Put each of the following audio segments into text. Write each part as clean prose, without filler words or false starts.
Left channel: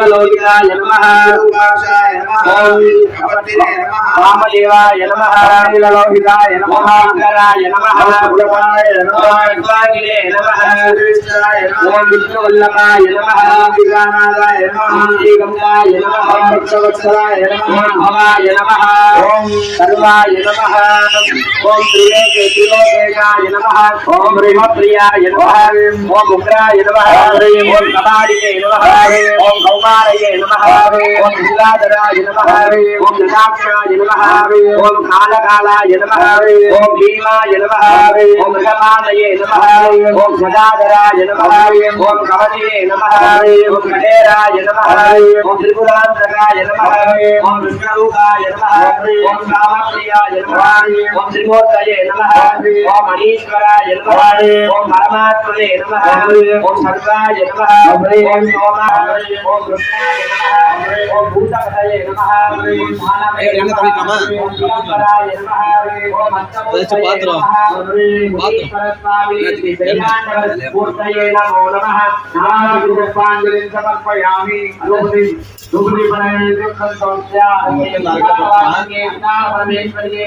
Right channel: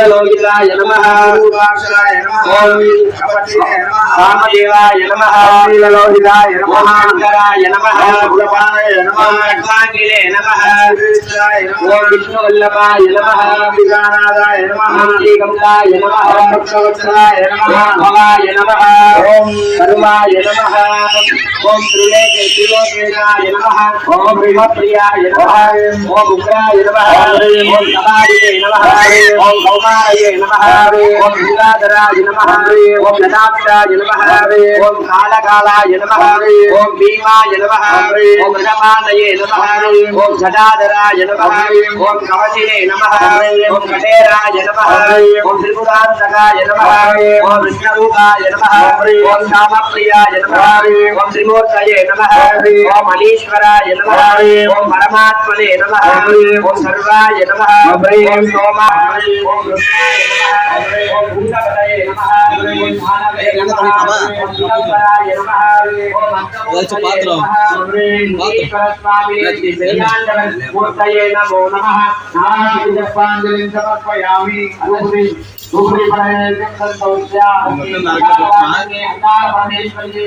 नीललोहिताय नमः ओम वामदेवाय नमः नीललोहिताय नमः शंकराय नमः भगवानाय नमः स्वागिले नमः ओम विष्णुवल्लभाय नमः विगानादाय नमः श्रीगंगाय नमः भक्तवत्सलाय नमः भवाय नमः ओम सर्वाय नमः ओम त्रिलोकेशाय नमः ओम ब्रह्मप्रियाय नमः ओम उग्राय नमः ओम कपालिके नमः ओम कौमारये नमः ओम गंगाधराय नमः ओम जनाक्षाय नमः ओम कालकालाय नमः ओम भीमाय नमः ओम मृगपानये नमः ओम गदाधराय नमः ओम कवचिने नमः ओम कठेराय नमः ओम त्रिपुरान्तकाय नमः ओम विष्णुरूपाय नमः ओम कामप्रियाय नमः ओम त्रिमूर्तये नमः ओम मनीश्वराय नमः ओम परमात्मने नमः ओम सर्वाय नमः ओम सोमाय ओम रुद्राय नमः ओम भूतपतये नमः ओम भानवे नमः ओम दिगंबराय नमः ओम अष्टमूर्तये नमः ओम ईश्वरस्वामिने मूर्तये नमो नमः पुष्पांजलिं समर्पयामि दुग्धि परमेश्वर संतोष्या परमेश्वरी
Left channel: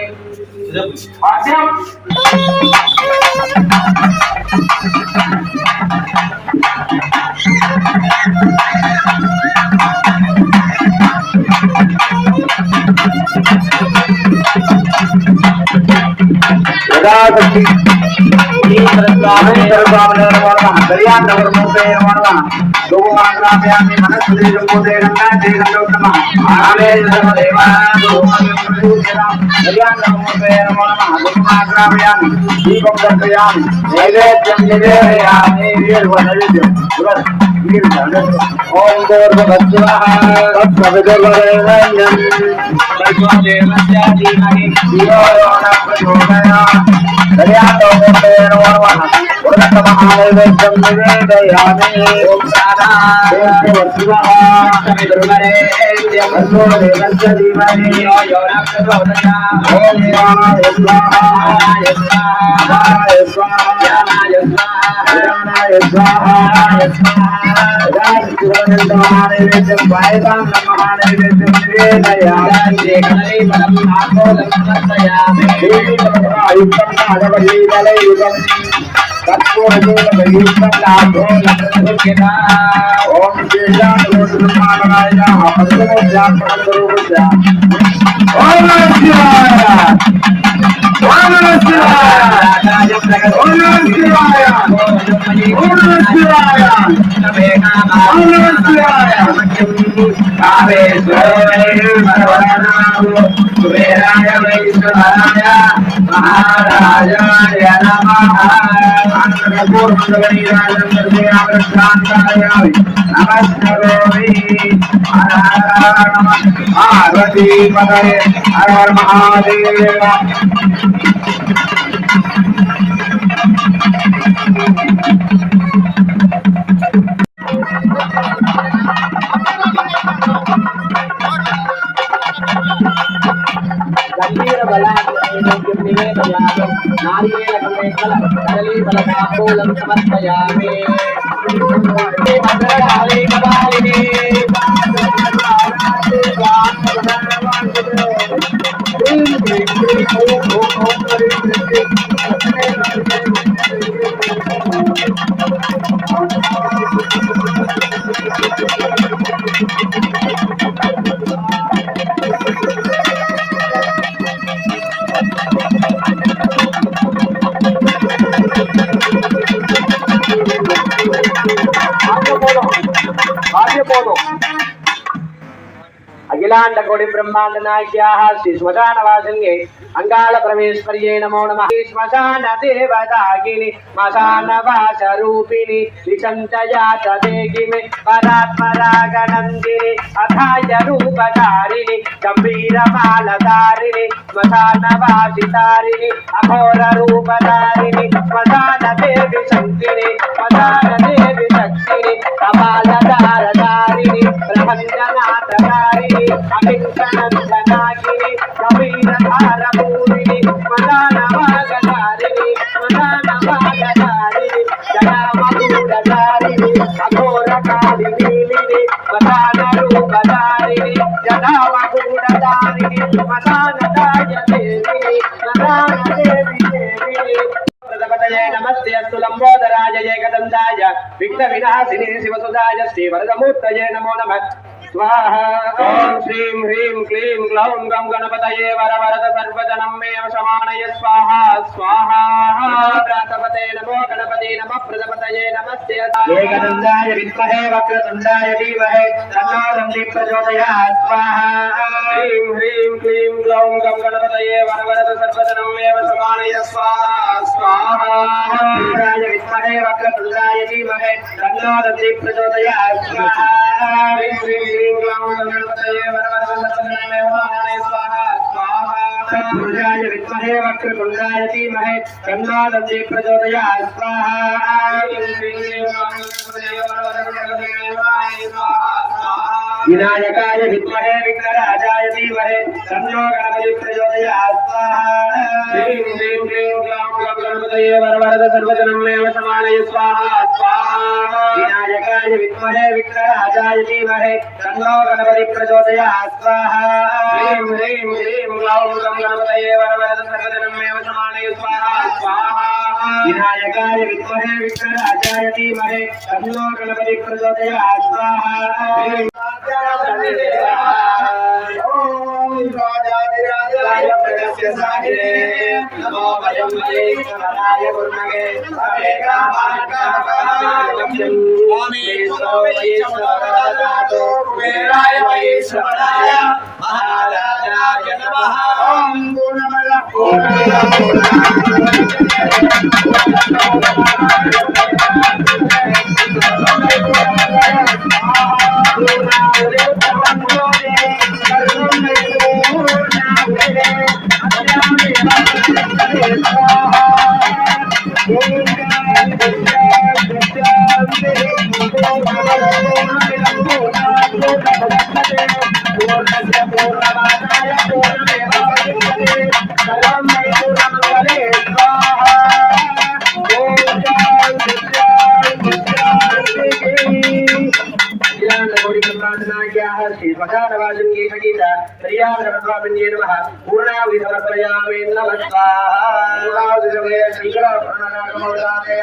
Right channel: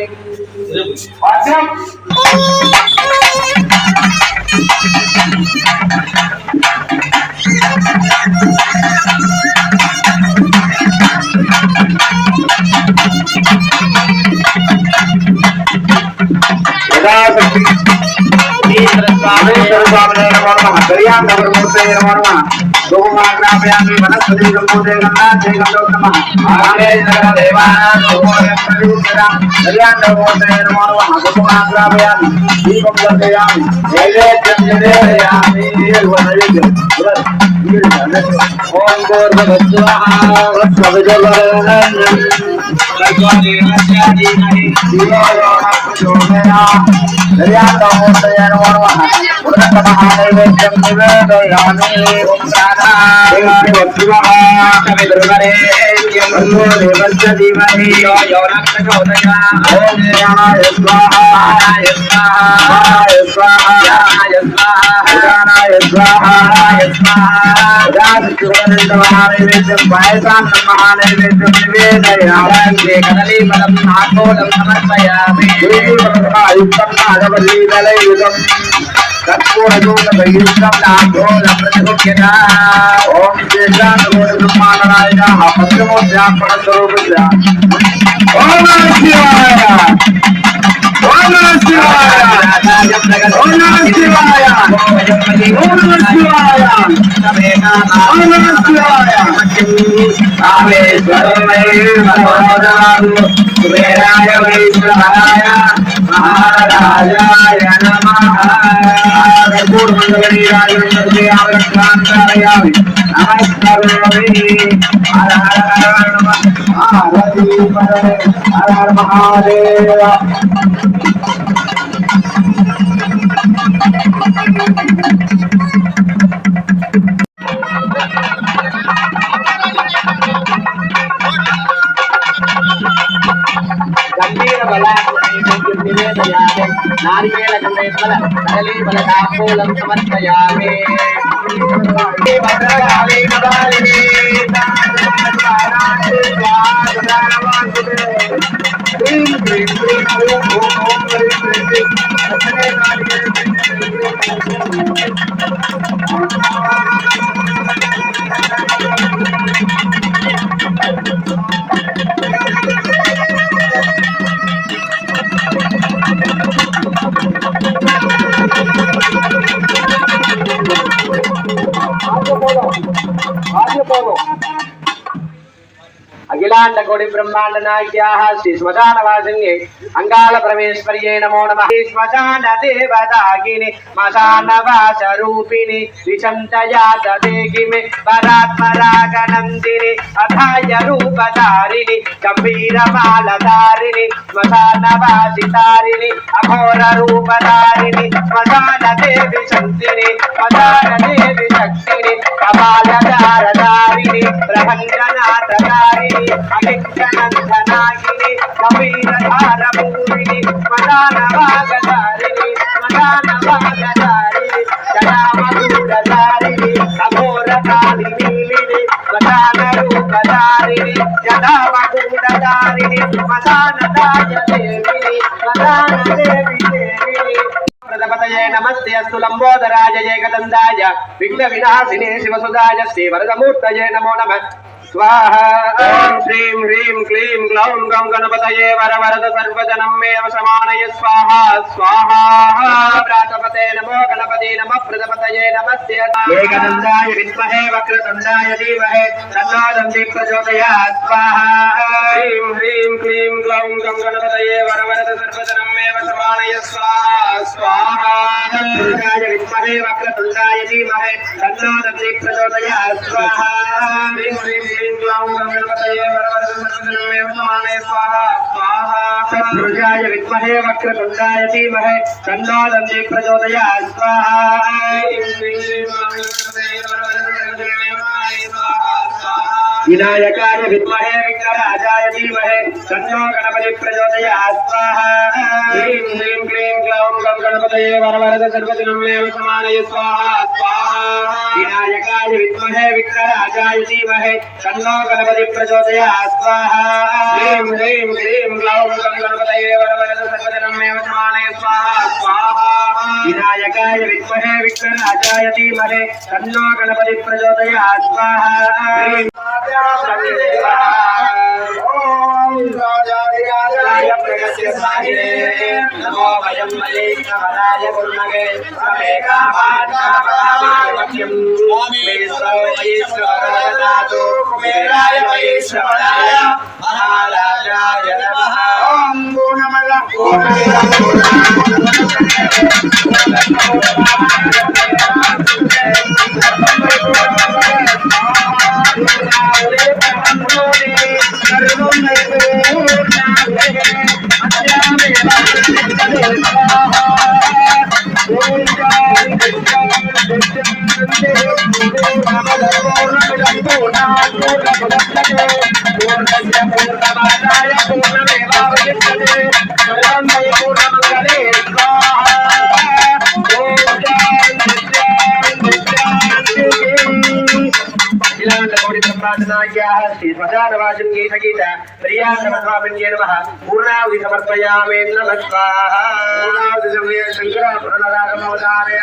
अखिलांड कोटि ब्रह्मांड नायक्याः श्री श्मशान वासिन्ये अंगाल परमेश्वर्ये नमो नमः। श्मशान देवताकिनी श्मशान वास रूपिणी विचंतयात देहिमे परात्परागनंदिनी अथाय रूपधारिणी गंभीर मालधारिणी श्मशान वासितारिणी अघोर रूपधारिणी श्मशान देवी शक्तिनी श्मशान देवी शक्तिनी कपालधारधारिणी प्रभंजनाथधारिणी अकिंचनंदनागिनी कबीरधारपूरिणी श्मशानवागधारिणी श्मशानवागधारिणी जनामधूरधारिणी अघोरकालिनीलिनी श्मशान నామకూడదానిని మదానదాయ దేవి ప్రజపతయే నమస్తే అస్తు లంబోదరాయ ఏకదండాయ విఘ్న వినాశినే శివసుదాయ శ్రీ వరదమూర్తయే నమో నమః स्वाहा ओम श्रीं ह्रीं क्लीं ग्लौं गं गणपतये वरवरद सर्वजनमेव समानय स्वाहा स्वाहा प्रातपते नमो गणपति नमः प्रजापतये नमस्ते एकदन्ताय विद्महे वक्रतुण्डाय धीमहि तन्नो दन्ति प्रचोदयात् स्वाहा श्रीं ह्रीं क्लीं ग्लौं गं गणपतये वरवरद सर्वजनमेव समानय स्वाहा स्वाहा गणपताय विद्महे वक्रतुण्डाय धीमहि तन्नो दन्ति प्रचोदयात् स्वाहा श्रीं ह्रीं सत्पुरुषाय विद्महे वक्रतुण्डाय धीमहि तन्नो दन्ति प्रचोदयात् स्वाहा विनायकाय विद्महे विघ्नराजाय धीमहि तन्नो गणपति प्रचोदयात् स्वाहा ह्रीं ह्रीं क्लीं ग्लौं गं गणपतये वरवरद सर्वजनमेव समानय स्वाहा स्वाहा विनायकाय विद्महे विघ्नराजाय धीमहि तन्नो गणपति प्रचोदयात् स्वाहा ह्रीं ह्रीं क्लीं ग्लौं गं गणपतये वरवरद सर्वजनमेव समानय स्वाहा स्वाहा विनायकाय विद्महे विघ्नराजाय धीमहि तन्नो गणपति प्रचोदयात् स्वाहा नमो वयं महेश्वराय गुरुमगे वैश्वराय महाराजाय नमः ओम पूर्णावधि समर्पयामि नमः स्वाहा पूर्णावधि समये शंकर प्रणरागमवदारय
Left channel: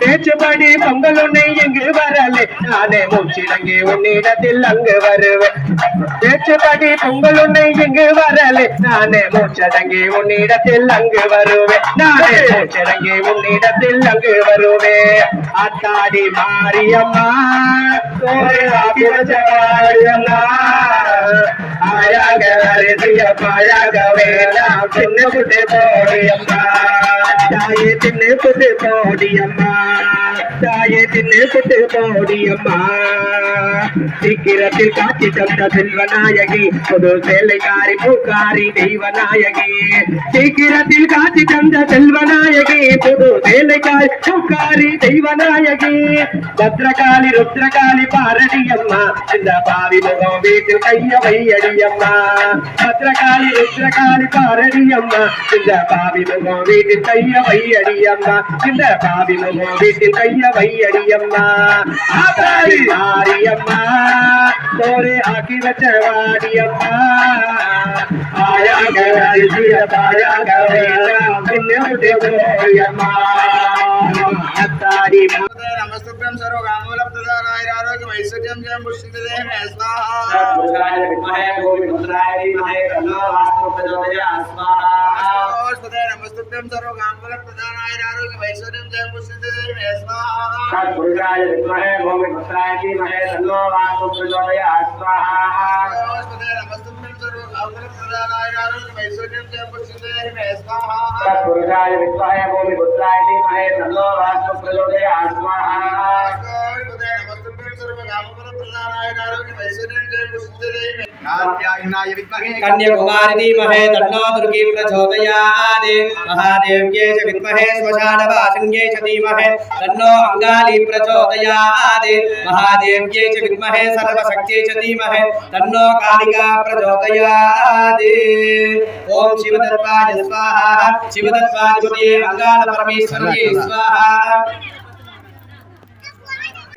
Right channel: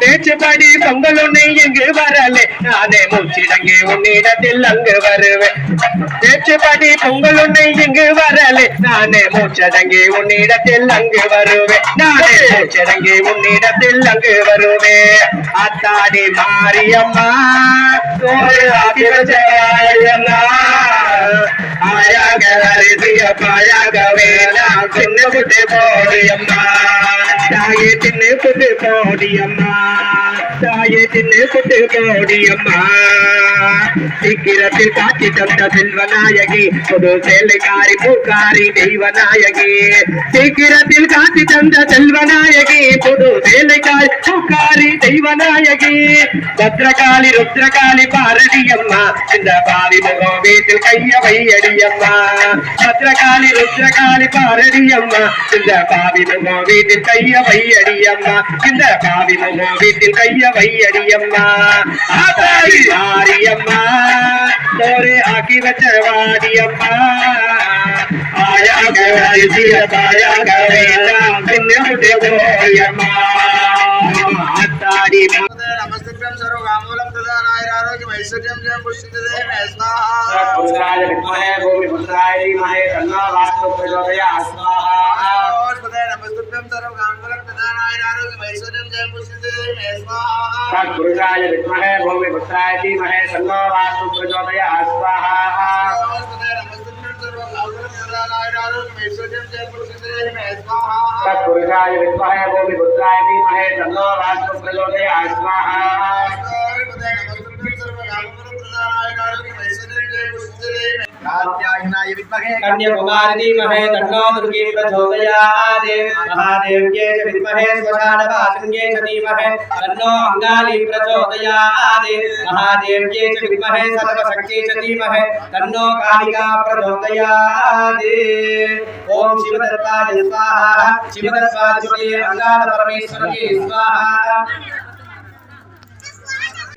பேச்சுப்படி பொங்கலுன்னை எங்கு வரலே நானே மூச்சிடங்கே உன்னிடத்தில் அங்கு வருவேன் பேச்சுப்படி பொங்கலுன்னை எங்கு வரலே நானே மூச்சடங்கே உன்னிடத்தில் அங்கு வருவேன் நானே மூச்சடங்கே உன்னிடத்தில் அங்கு வருவேன் அத்தாடி மாரியம்மா மாரியம்மா ஆயாக அருதிய பாயாக வேணா சின்ன குட்டி போடியம்மா தாயே தின்னு புட்டு போடியம்மா தாயே தின்னு புட்டு போடியம்மா சீக்கிரத்தில் காட்சி தந்த செல்வநாயகி புது சேலைக்காரி பூக்காரி தெய்வநாயகி சீக்கிரத்தில் காட்சி தந்த செல்வநாயகி புது சேலைக்காரி பூக்காரி தெய்வநாயகி பத்ரகாளி ருத்ரகாளி பாரடியம்மா இந்த பாவி முகம் வீட்டில் கைய வையடியம்மா பத்ரகாளி ருத்ரகாளி பாரடியம்மா இந்த பாவி முகம் வீட்டில் கைய வையடியம்மா இந்த பாவி முகம் வீட்டில் கைய வையடியம்மா ஆதாரி மாரியம்மா तोरे आकी बचवानी अम्मा आया गया इसी आया गया बिन्ने उठे गोयम्मा तारी नमस्तुभ्यं सर्वकामूलं प्रदानाय आरोग्यं ऐश्वर्यं जयं पुष्टिदे मे स्वाहा सत्पुरुषाय विद्महे भूमिपुत्राय धीमहि तन्नो वास्तु प्रचोदयात् स्वाहा नमस्तुभ्यं सर्वकामूलं प्रदानाय आरोग्यं ऐश्वर्यं जयं पुष्टिदे मे स्वाहा सत्पुरुषाय विद्महे भूमिपुत्राय धीमहि तन्नो वास्तु प्रचोदयात् स्वाहा नमस्तुभ्यं सर्वकामूलं प्रदानाय आरोग्यं ऐश्वर्यं जयं पुष्टिदे मे स्वाहा सत्पुरुषाय विद्महे भूमिपुत्राय धीमहि तन्नो वास्तु प्रचोदयात् स्वाहा कात्यायनाय विद्महे कन्याकुमारी धीमहि तन्नो दुर्गी प्रचोदयात् महादेव्यै च विद्महे श्मशानवासिन्यै च धीमहि तन्नो अङ्गाली प्रचोदयात् महादेव्यै च विद्महे सर्वशक्त्यै च धीमहि तन्नो कालिका प्रचोदयात् ओम शिवदत्ताय स्वाहा शिवदत्ताधिपतये अङ्गालपरमेश्वर्यै स्वाहा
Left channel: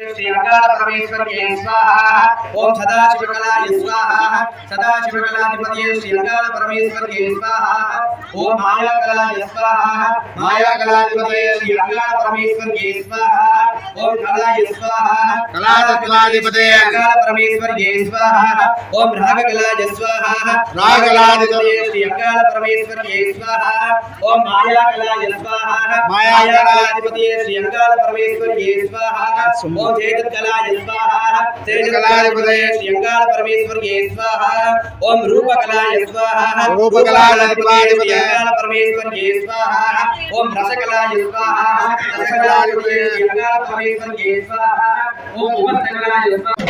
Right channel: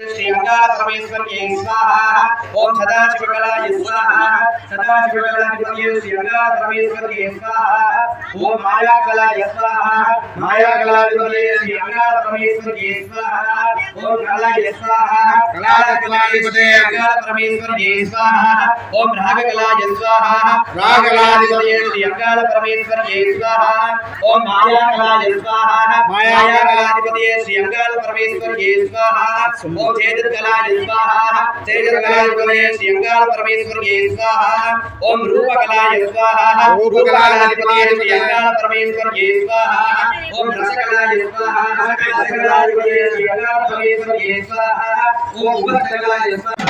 श्री अंगार परमेश्वर के स्वाहा ओम सदाशिवकलाय स्वाहा सदाशिवकलाधिपतये श्री अंगार परमेश्वर के स्वाहा ओम मायाकलाय स्वाहा मायाकलाधिपतये श्री अंगार परमेश्वर के स्वाहा ओम कलाय स्वाहा कलाधिपतये अंगार परमेश्वर के स्वाहा ओम रागकलाय स्वाहा रागकलाधिपतये श्री अंगार परमेश्वर के स्वाहा ओम मायाकलाय स्वाहा मायाकलाधिपतये श्री अंगार परमेश्वर के स्वाहा ओम तेजकलाय स्वाहा तेजकलाधिपतये श्री अंगार परमेश्वर के स्वाहा ओम रूपकलाय स्वाहा रूपकलाधिपतये श्री अंगार परमेश्वर के स्वाहा ओम रसकलाय स्वाहा रसकलाधिपतये श्री अंगार परमेश्वर के स्वाहा ओम उपकलाय स्वाहा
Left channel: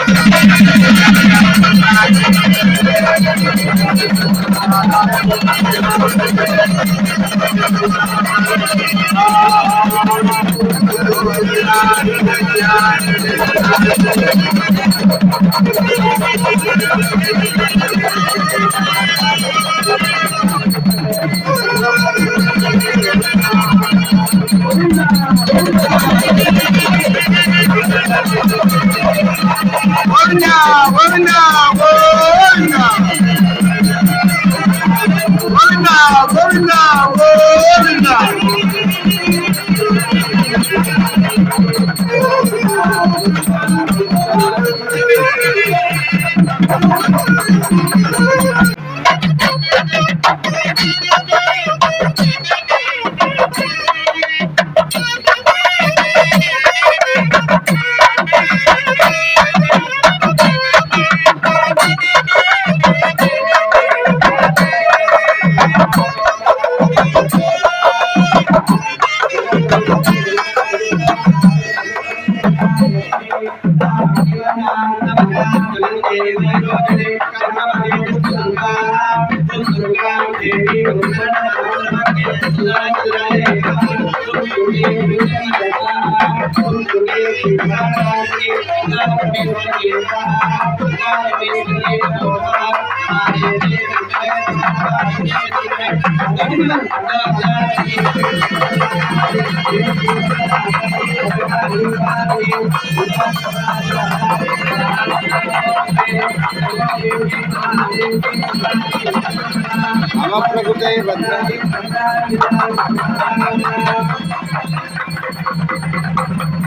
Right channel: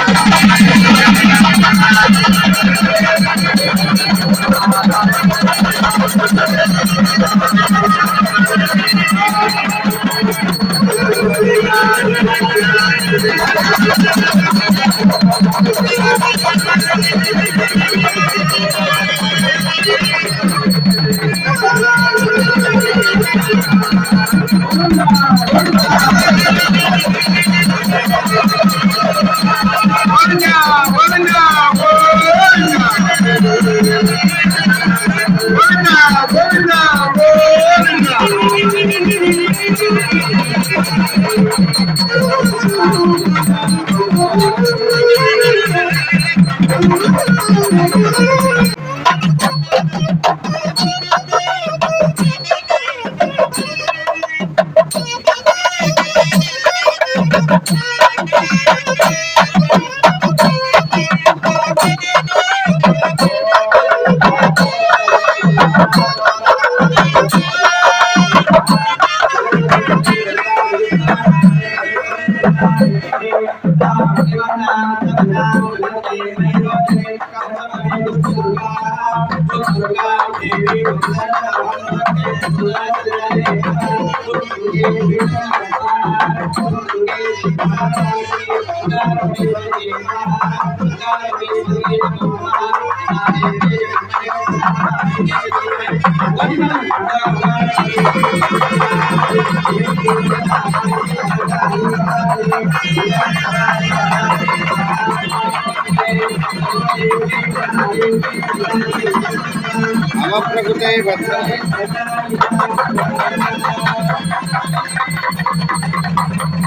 नम प्रकृते भद्राय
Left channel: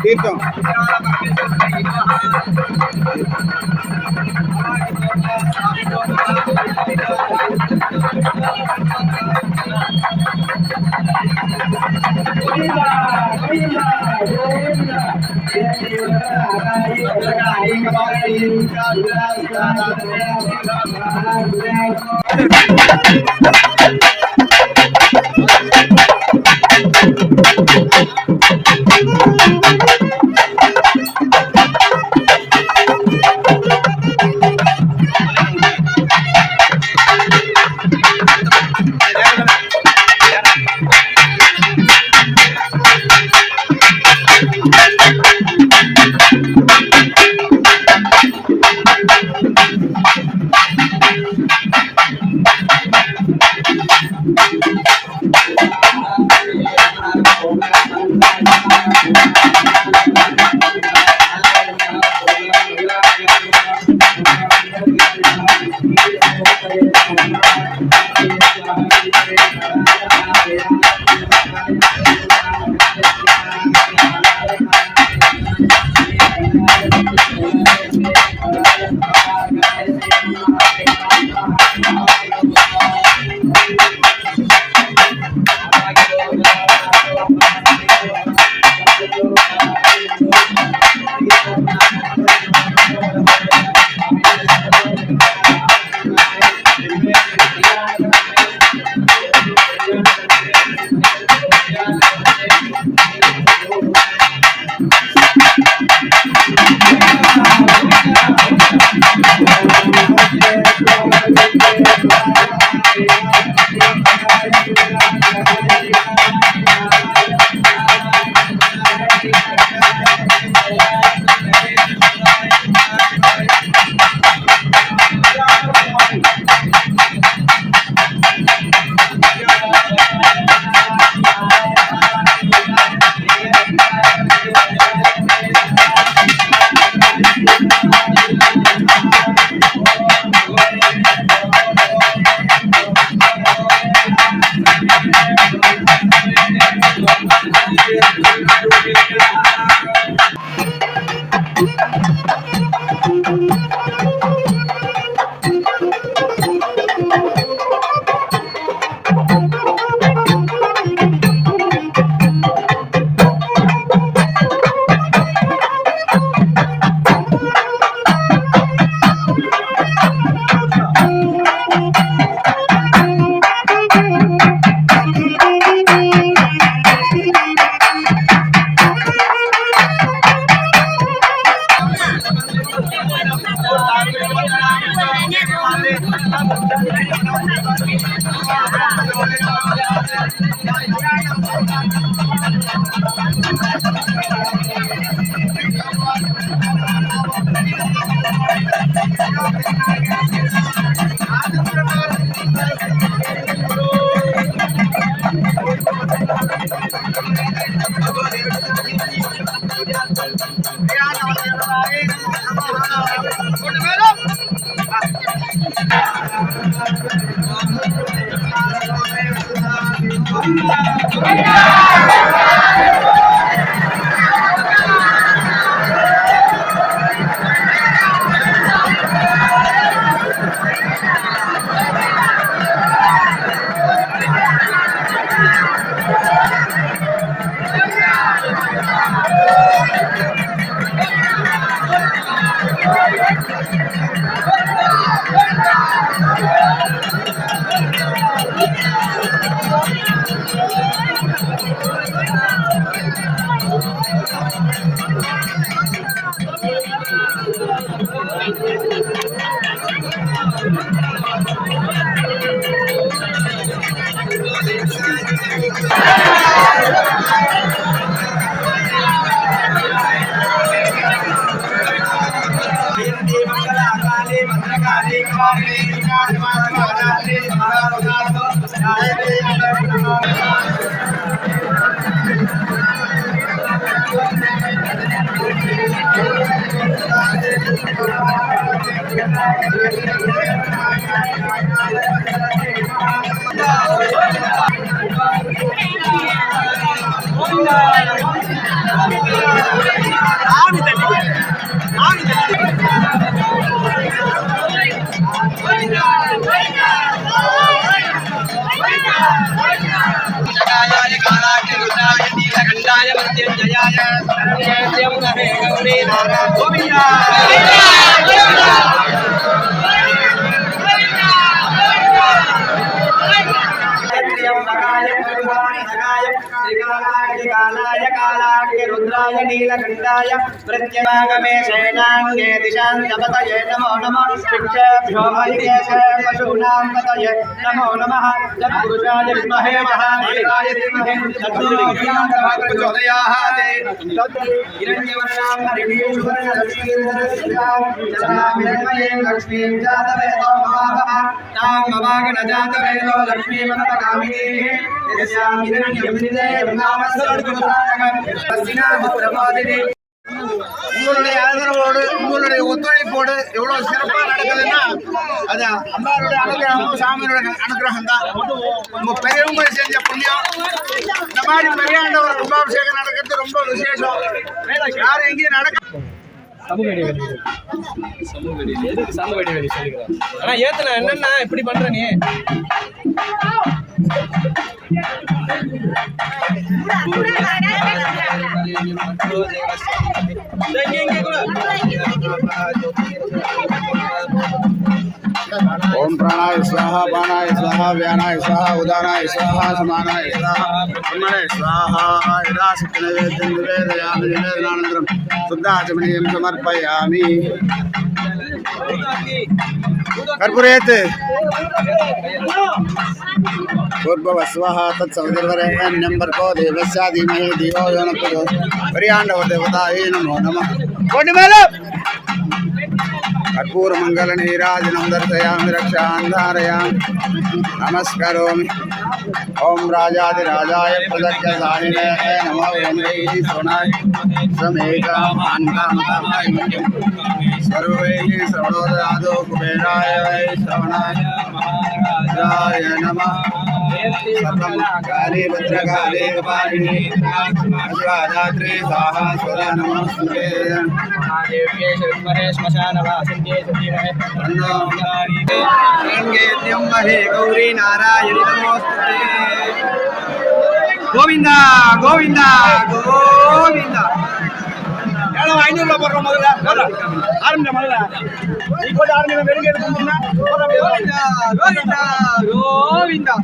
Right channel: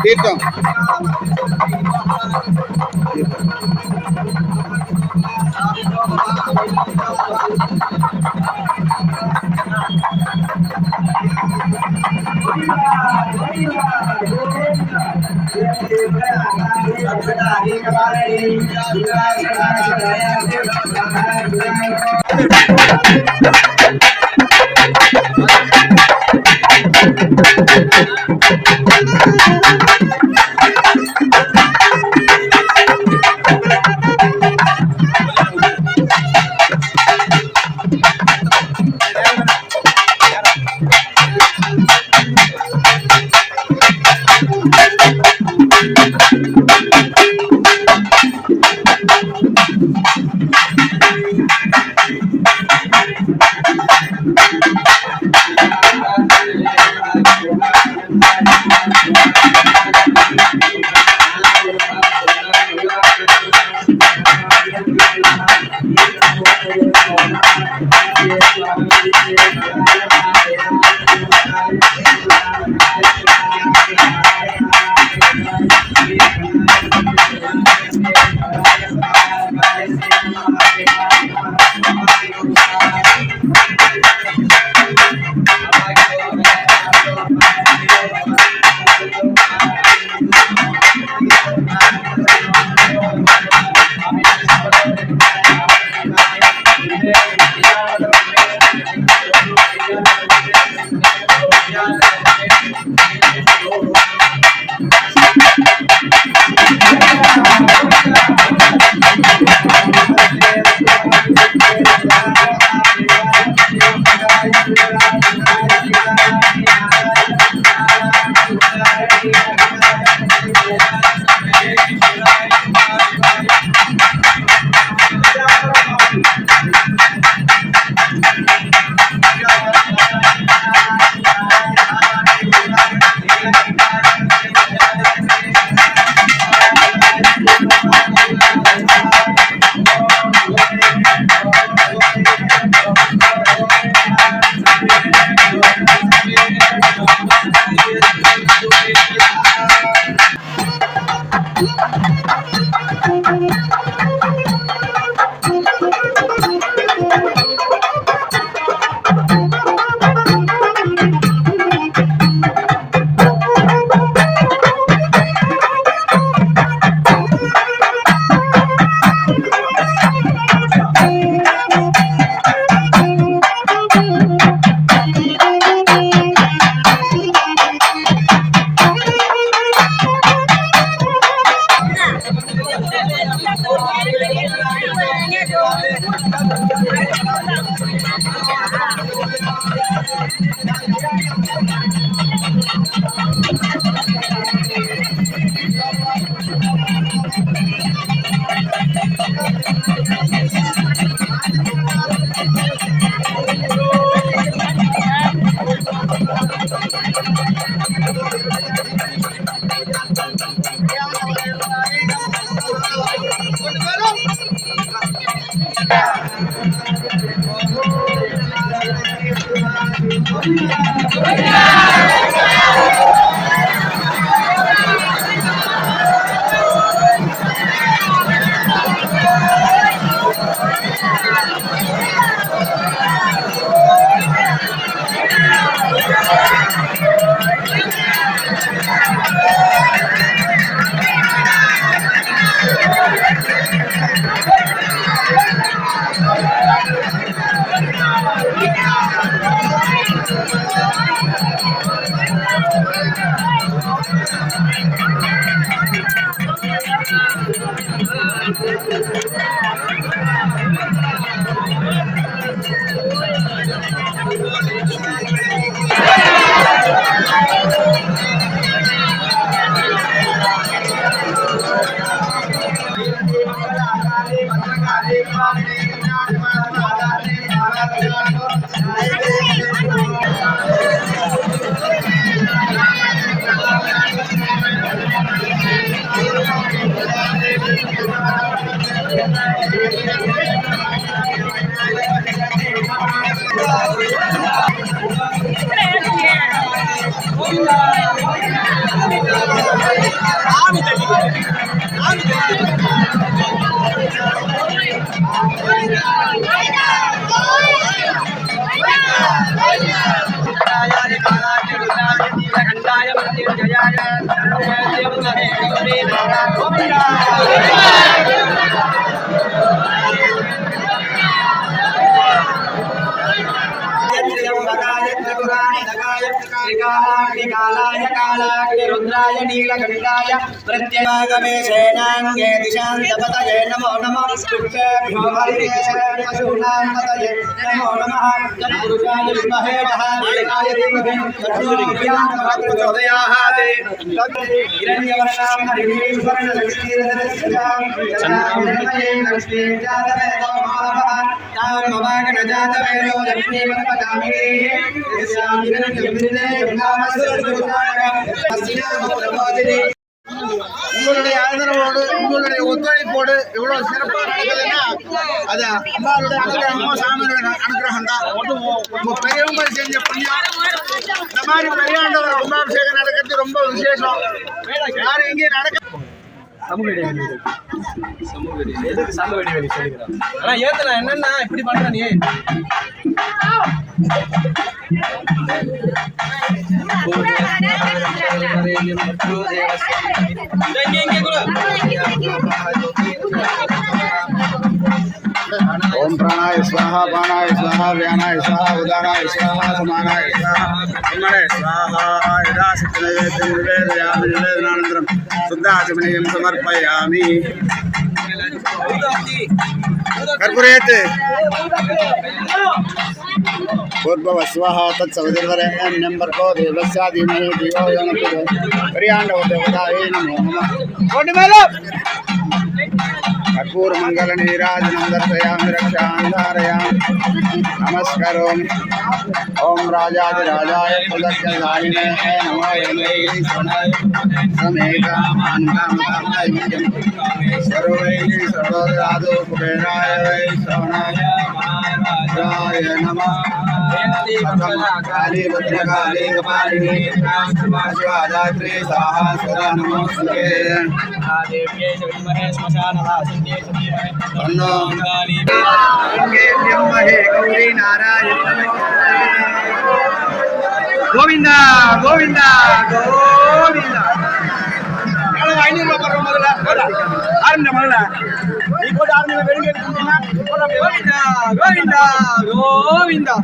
तीर्थम Thank you. रुद्राय नीलकण्ठाय प्रत्यवागमे शयनाङ्गे दिशान्तपतये नमो नमः वृक्षेभ्यो हरिकेशे पशूनां पतये नमो नमः तत्पुरुषाय विद्महे महादेवाय धीमहि तन्नो प्रचोदयात् हिरण्यवर्णां हरिं सुवर्णलक्ष्मीर्धरस्यां लक्ष्मीं जातवेदो तां भवागणजातवेदो लक्ष्मीवनपगामिनीः यस्यां हिरण्यमिन्द्रेयं नामस्वरूपपुराणकम् प्रबोधिनी உங்களுடைய ஆதரவோடு உங்களுடைய ஒத்துழைப்போடு எவ்வளவு சிறப்பாக நடக்குதுன்னா அது அம்மாவுடைய அனுகிரகமும் சாமியோட அனுகிரகம் தான். உங்க பெரியவங்க செஞ்ச புண்ணியம். இந்த மாதிரி பெரியாண்டவர் கும்பாபிஷேகம் நடக்கிறது ரொம்ப விசேஷம். யாரும் எங்கேயும் நடக்க சமூக இடைவெளி எதுக்கு சமூக இடைவெளி சொல்லிக்கிறேன். ஆனா ஏத்துன என்னன்னா இப்படி பண்ற நீ ओम प्राणाय स्वाहा पानाय स्वाहा व्यानाय स्वाहा उदानाय स्वाहा समानाय स्वाहा ब्रह्मणे स्वाहा यदा सत्यनैवेद्यं निवेदयामि निवेदनानन्तरं शुद्धाचमनीयं समर्पयामि कर्पूरेत् पूर्ववस्वः तत्सवितुर्वरेण्यं भर्गो देवस्य धीमहि धियो यो नः प्रचोदयात् पर्याण्डवदेवतायै नमो नमः कर्पूरमङ्गलनीराजनं दर्शयामि रक्षां धारयामि नमस्करोमि ओम राजाधिराजाय प्रदक्षिणायिने नमो वेङ्कटेश्वराय समेकामान्कामकामाय मुख्यं सर्वैः श्रवणोदयादो कुबेराय वै श्रवणाय राय नमः काली भद्रकाली कपालिनी शिवादात्री स्वाहा स्वदा नमोस्तुते देव्ये शर्मणे श्मशानवासिन्ये सतीमहे तन्नो इंद्रियं महे गौरी नारायणी नमोस्तुते గోవింద గోవింద గోవింద ஆரம்பிச்ச முதல்ல நீ போட்டு ஆரம்பிச்ச வெறுங்க கோவிந்தா கோவிந்தா